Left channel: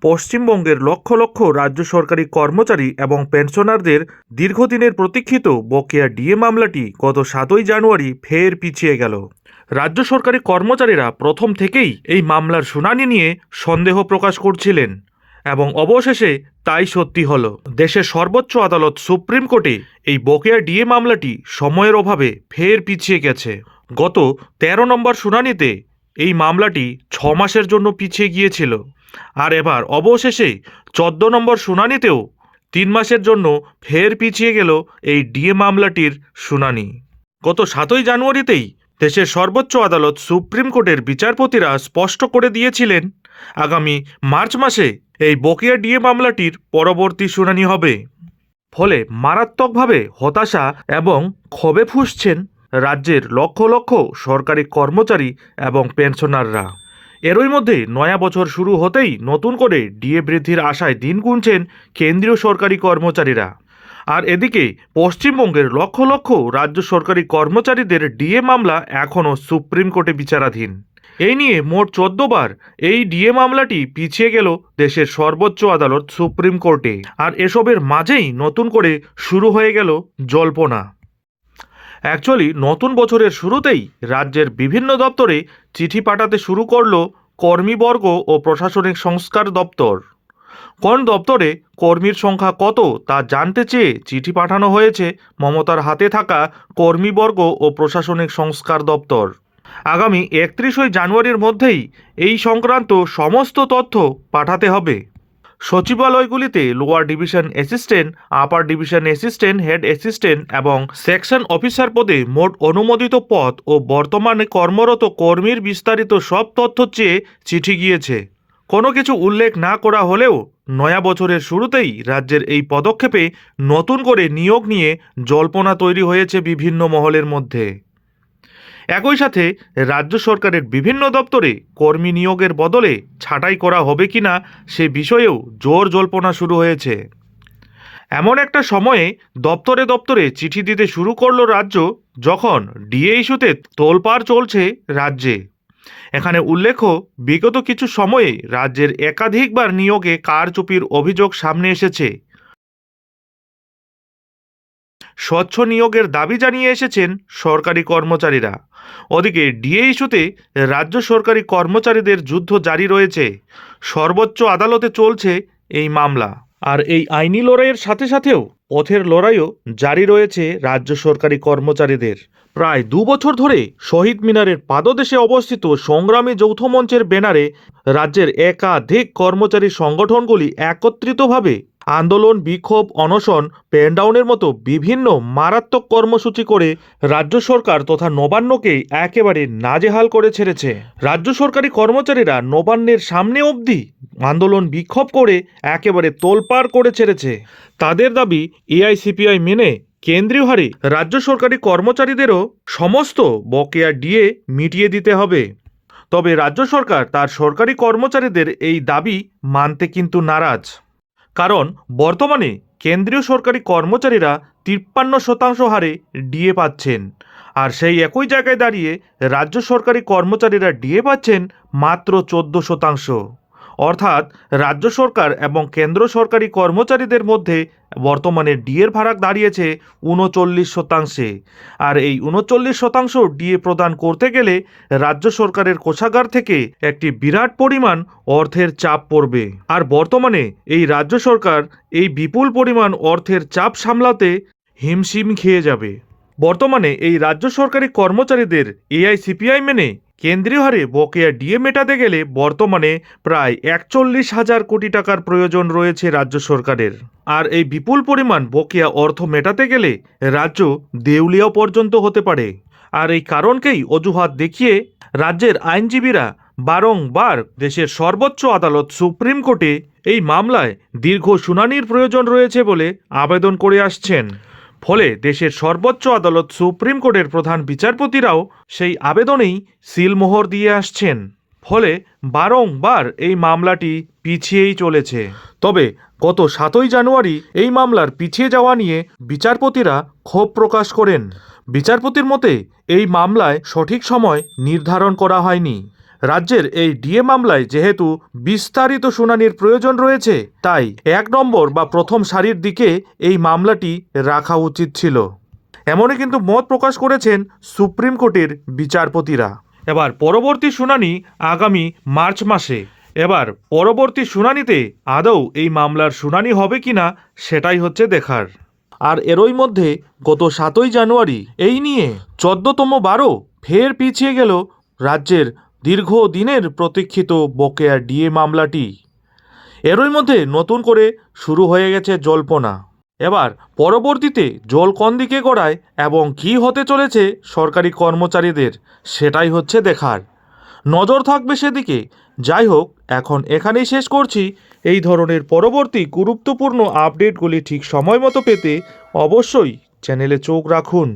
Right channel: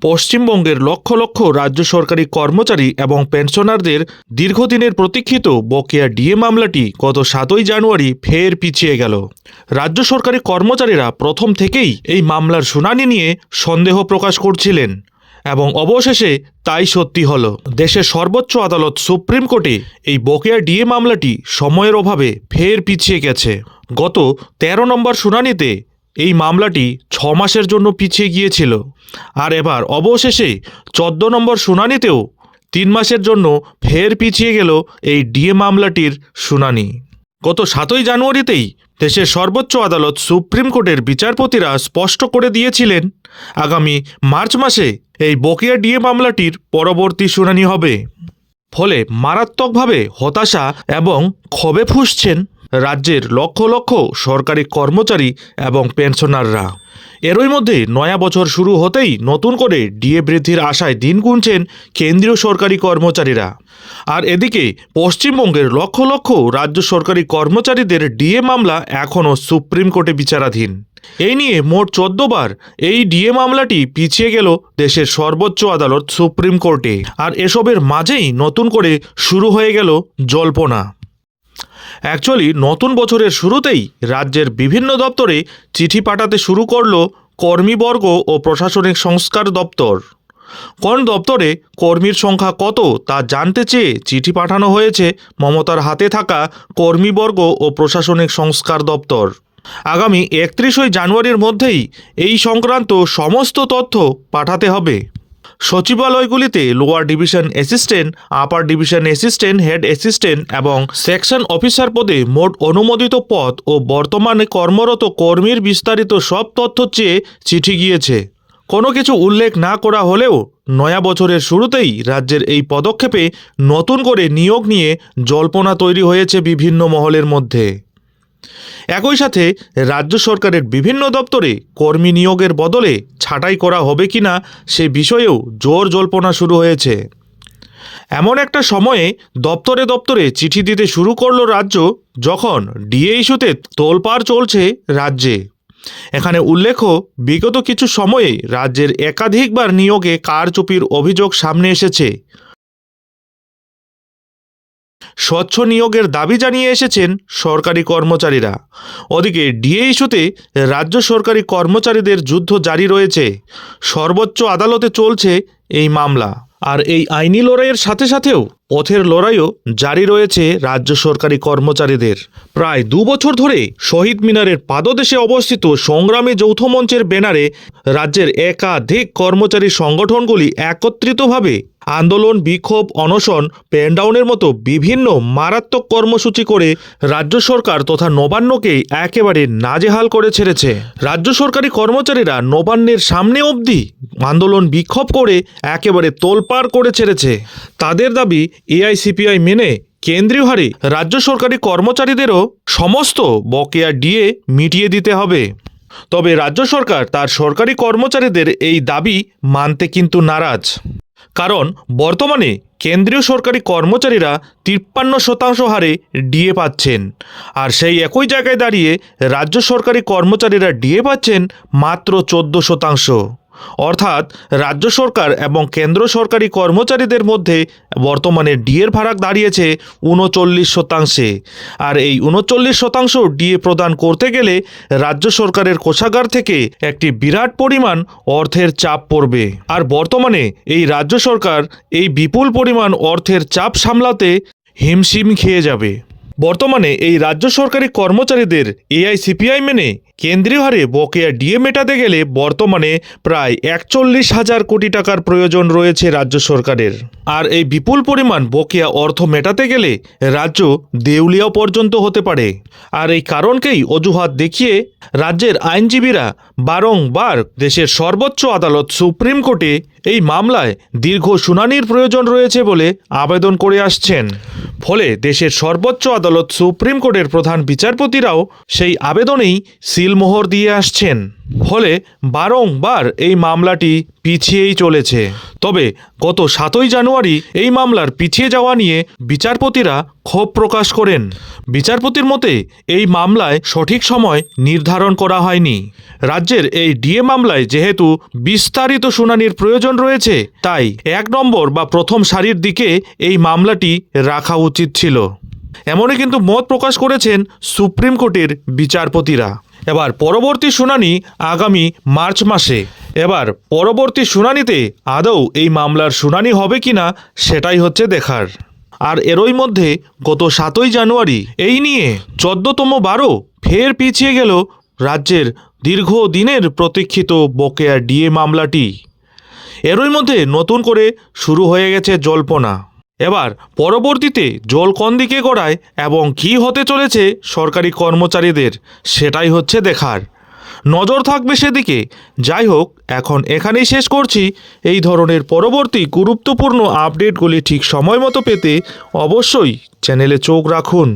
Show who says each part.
Speaker 1: পশ্চিমবঙ্গের লক্ষ লক্ষ রাজ্য সরকারি কর্মচারী এবং পেনশনারদের দীর্ঘদিনের প্রতীক্ষিত বকেয়া ডিএ মামলাটি গত সাতই জানুয়ারি ফের পিছিয়ে গেল। রাজ্য সরকারি কর্মচারীরা প্রথম থেকেই এই মামলার শুনানি নিয়ে সন্দেহ প্রকাশ করছিলেন এবং অবশেষে তাই সত্যি হল। দেশের সর্বোচ্চ আদালত সুপ্রিম কোর্টে এই বকেয়া ডিএ মামলাটি সময়ের অভাবে ফের পিছিয়ে গেছে। গত তেরো নম্বর শুনানিতে এই মামলাটি ছ মাসের জন্য পিছিয়ে গিয়েছিল। আর এবার অবশেষে চোদ্দ নম্বর শুনানিতেও তিন মাসের জন্য ফের পিছিয়ে গেল এই ডিএ মামলাটির শুনানি। গত সাতই জানুয়ারিতেই দেশের সর্বোচ্চ আদালত সুপ্রিম কোর্টের বিচারপতিরা স্পষ্ট করে দিয়েছিলেন, আগামী মার্চ মাসে এই বকেয়া ডিএ মামলাটির পরবর্তী শুনানি হবে। ফলে মারাত্মকভাবে হতাশা এবং ক্ষোভে ফুসছেন রাজ্যের লক্ষ লক্ষ সরকারি কর্মচারী এবং পেনশনাররা। এরই মধ্যে নয়া বছর শুরু হতেই নতুন করে ডিএ বৃদ্ধির আশায় দিন গুনছেন কেন্দ্রীয় সরকারি কর্মচারীরা। আর এদিকে পশ্চিমবঙ্গের লক্ষ লক্ষ রাজ্য সরকারি কর্মচারীদের ডিএ মামলা এখনও সুপ্রিম কোর্টে বিচারাধীন। এই নিয়ে মোট চোদ্দ বার এই ডিএ মামলাটি পিছিয়ে গেল দেশের সর্বোচ্চ আদালত সুপ্রিম কোর্টে। আর এসবের মাঝেই নতুন করে শুরু হয়ে গেল জল্পনা। অ্যাকচুয়ালি নতুন বছরের শুরুতেই রাজ্যের বিভিন্ন দপ্তরে চিঠি পাঠাতে শুরু করল কর্মীবর্গ ও প্রশাসনিক সংস্কার দপ্তর। কোন দপ্তরে কর্মীর সংখ্যা কত তা জানতে চেয়ে চিঠি পাঠানো হয়েছে মমতার হাতে থাকা কর্মীবর্গ ও প্রশাসনিক সংস্কার দপ্তর। আগামী একত্রিশই জানুয়ারির মধ্যেই এই সংক্রান্ত সমস্ত তথ্য পাঠাতে হবে। সচিবালয়গুলিতে lower division assistant upper division assistant head assistant এবং সেকশন অফিসার পদে মোট অনুমোদিত পদ ও বর্তমানে কর্মরত কর্মীর বিস্তারিত সব তথ্য চেয়ে চিঠি গিয়েছে। কোনো কিছু উল্লেখ না করা হলেও নয়া বছরের শুরুতেই রাজ্যের এই পদক্ষেপে নতুন করে নিয়োগ নিয়ে জল্পনা তৈরি হয়েছে বিভিন্ন মহলের মধ্যে। একই সাথে রাজ্য সরকারের বিভিন্ন দপ্তরে কর্মী নিয়োগের বদলে ছাঁটাই করা হবে কিনা সে বিষয়েও জোর জল্পনা শুরু হয়েছে। এমন একটা সময়ে দপ্তরে দপ্তরে চিঠি দিতে শুরু করল রাজ্য যখন ডিএ ইস্যুতে তোলপাড় চলছে রাজ্যে। এখানে উল্লেখ্য, বিগত কিছু সময়ে রাজ্যের একাধিকবার নিয়োগে কারচুপির অভিযোগ সামনে এসেছে। স্বচ্ছ নিয়োগের দাবি জানিয়ে এসেছেন সরকারি কর্মচারীরা। ওদিকে ডিএ ইস্যুতে রাজ্য সরকারি কর্মচারীদের যুদ্ধ জারি রয়েছে। সর্বোচ্চ আদালতে চলছে এই মামলা। আর এই আইনি লড়াইয়ের সাথে সাথেও পথের লড়াইও জারি রয়েছে রাজ্য সরকারি কর্মচারীদের। প্রায় দু বছর ধরে শহীদ মিনারের পাদদেশে অবস্থিত সংগ্রামী যৌথ মঞ্চের ব্যানারে রাজ্যের একাধিক কর্মচারী সংগঠনগুলি একত্রিতভাবে আন্দোলন, বিক্ষোভ, অনশন, পেনডাউনের মতো বিভিন্ন মারাত্মক কর্মসূচি করে রাজ্য সরকার তথা নবান্নকে একেবারে নাজেহাল করে ছেড়েছে। রাজ্য সরকারি কর্মচারীরা নবান্নের সামনে অবধি আন্দোলন, বিক্ষোভ করে একেবারে তোলপাড় করে ছেড়েছে। তাদের দাবি, এআইসিপিআই মেনে কেন্দ্রীয় হারে রাজ্য সরকারি কর্মচারীদেরও সমস্ত বকেয়া ডিএ মিটিয়ে দিতে হবে। তবে রাজ্য সরকার তার সরকারি কর্মচারীদের এই দাবি মানতে কিন্তু নারাজ। কারণ বর্তমানে কেন্দ্রীয় সরকারি কর্মচারীরা তিপ্পান্ন শতাংশ হারে ডিএ পাচ্ছেন। আর সেই একই জায়গায় দাঁড়িয়ে রাজ্য সরকারি কর্মচারীরা ডিএ পাচ্ছেন মাত্র চোদ্দ শতাংশ। অর্থাৎ রাজ্য সরকার এবং কেন্দ্র সরকারি কর্মচারীদের মধ্যে বর্তমানে ডিএর ভাড়া দাঁড়িয়েছে উনচল্লিশ শতাংশে। আর এই উনচল্লিশ শতাংশ ডিএ প্রদান করতে গেলে রাজ্য সরকারের কোষাগার থেকে একটি বিরাট পরিমাণ অর্থের চাপ পড়বে। আর বর্তমানে এই রাজ্য সরকার এই বিপুল পরিমাণ অর্থের চাপ সামলাতে হিমশিম খেয়ে যাবে। বর্তমানে এই রাজ্য সরকারি কর্মচারীদের এআইসিপিআই মেনে কেন্দ্রীয় হারে বকেয়া ডিএ মেটাতে গেলে বর্তমানে প্রায় একচল্লিশ হাজার কোটি টাকার প্রয়োজন রয়েছে রাজ্য সরকারের। আর এই বিপুল পরিমাণ বকেয়া অর্থ মেটাতে গেলে রাজ্য দেউলিয়াও পর্যন্ত হতে পারে। আর এই কারণকেই অজুহাত দেখিয়ে রাজ্যের আইনজীবীরা বারংবার দেশের সর্বোচ্চ আদালত সুপ্রিম কোর্টে এই মামলায় দীর্ঘ শুনানির প্রয়োজন রয়েছে বলে আবেদন করে আসছেন। ফলে দেশের সর্বোচ্চ আদালত সুপ্রিম কোর্টের প্রধান বিচারপতিরাও সেই আবেদনেই সিল সিলমোহর দিয়ে আসছেন। ফলে বারংবার এই মামলাটি পিছিয়েই চলেছে। তবে গত সাতই জানুয়ারি এই মামলার পিছিয়ে যাওয়া নিয়ে বিচারপতিরা ক্ষোভ প্রকাশ করেন। বিচারপতির মতে, এই মামলায় সঠিক সময় নির্ধারণ করা হয়নি। রাজ্যের এই ডিএ মামলায় যেহেতু বিস্তারিত শুনানির প্রয়োজন রয়েছে, তাই এক নম্বর বা প্রথম সারির দিকে এই মামলাটি রাখা উচিত ছিল। এমনই কিন্তু মত প্রকাশ করেছেন সুপ্রিম কোর্টের বিচারপতিরা। এবার পরবর্তী শুনানি আগামী মার্চ মাসে। এবার পরবর্তী শুনানিতে আদৌ এই মামলার শুনানি হবে কিনা সেটাই হচ্ছে দেখার। আর এরই মধ্যে গত সাতই জানুয়ারি এই নিয়ে চোদ্দতম বারো ফের পিছিয়ে গেল রাজ্যের দীর্ঘদিনের প্রতীক্ষিত বকেয়া ডিএ মামলাটি। এরই মধ্যে নতুন করে শুরু হয়ে গেছে জল্পনা। এবার পরবর্তীতে জল কোন দিকে গড়ায় এবং কি হতে চলেছে সরকারি কর্মচারীদের, সেটাই হচ্ছে দেখার। নজর থাকবে সেদিকে। যাই হোক, এখন এখানেই শেষ করছি। এই ধরনের পরবর্তী গুরুত্বপূর্ণ আপডেটগুলি ঠিক সময় মতো পেতে অবশ্যই চ্যানেলে চোখ রাখুন।